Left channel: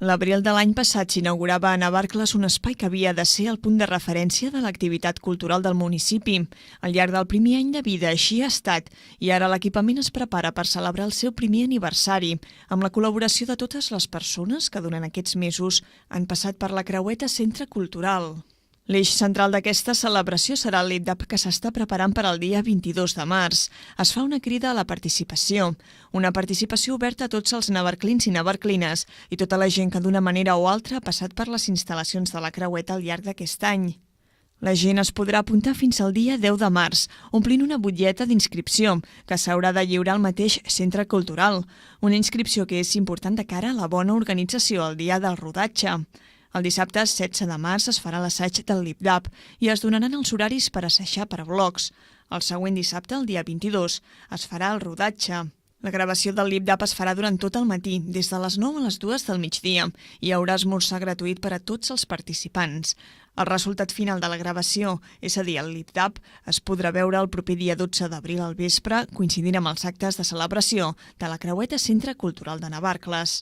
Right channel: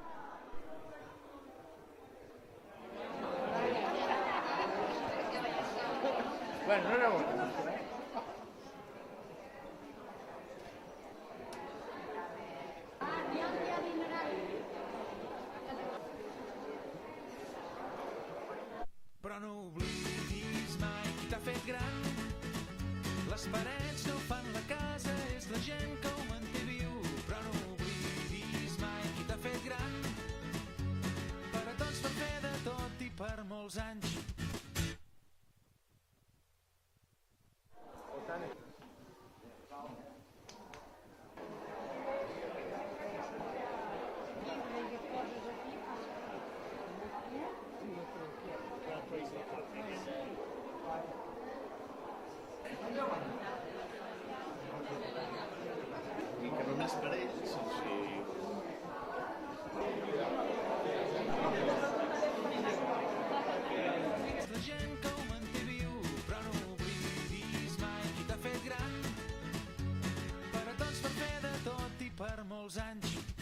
L'abril de l'any passat s'inaugurava a Navarcles un espai que havia de ser el punt de referència de l'activitat cultural del municipi. Al llarg del primer any de vida així ha estat i ara l'equipament es prepara per celebrar el seu primer aniversari amb la col·laboració de totes les persones que durant aquests mesos han passat per la Creueta Centre Cultural. L'eix central d'aquesta celebració serà el lip-dub que s'està preparant per al dia 22 de març. Es fa una crida a la participació, una participació oberta a tots els navarclins i navarclines i tota la gent que d'una manera o altra ha passat per les instal·lacions de la Creueta al llarg d'aquest any. La gent es podrà apuntar fins al dia 10 de març, omplint una butlleta d'inscripció, que s'haurà de lliurar al mateix centre cultural. Una inscripció que és important de cara a la bona organització el dia del rodatge. El dissabte 16 de març es farà l'assaig del lip-dub i es donaran els horaris per assajar per blocs. El següent dissabte, el dia 22, es farà el rodatge. La gravació del lip-dub es farà durant tot el matí, des de les 9 a les 2 del migdia. Hi haurà esmorzar gratuït per a tots els participants. El resultat final de la gravació, és a dir, el lip-dub, es podrà veure el proper dia 12 d'abril al vespre, coincidint amb els actes de celebració de la Creueta Centre Cultural de Navarcles.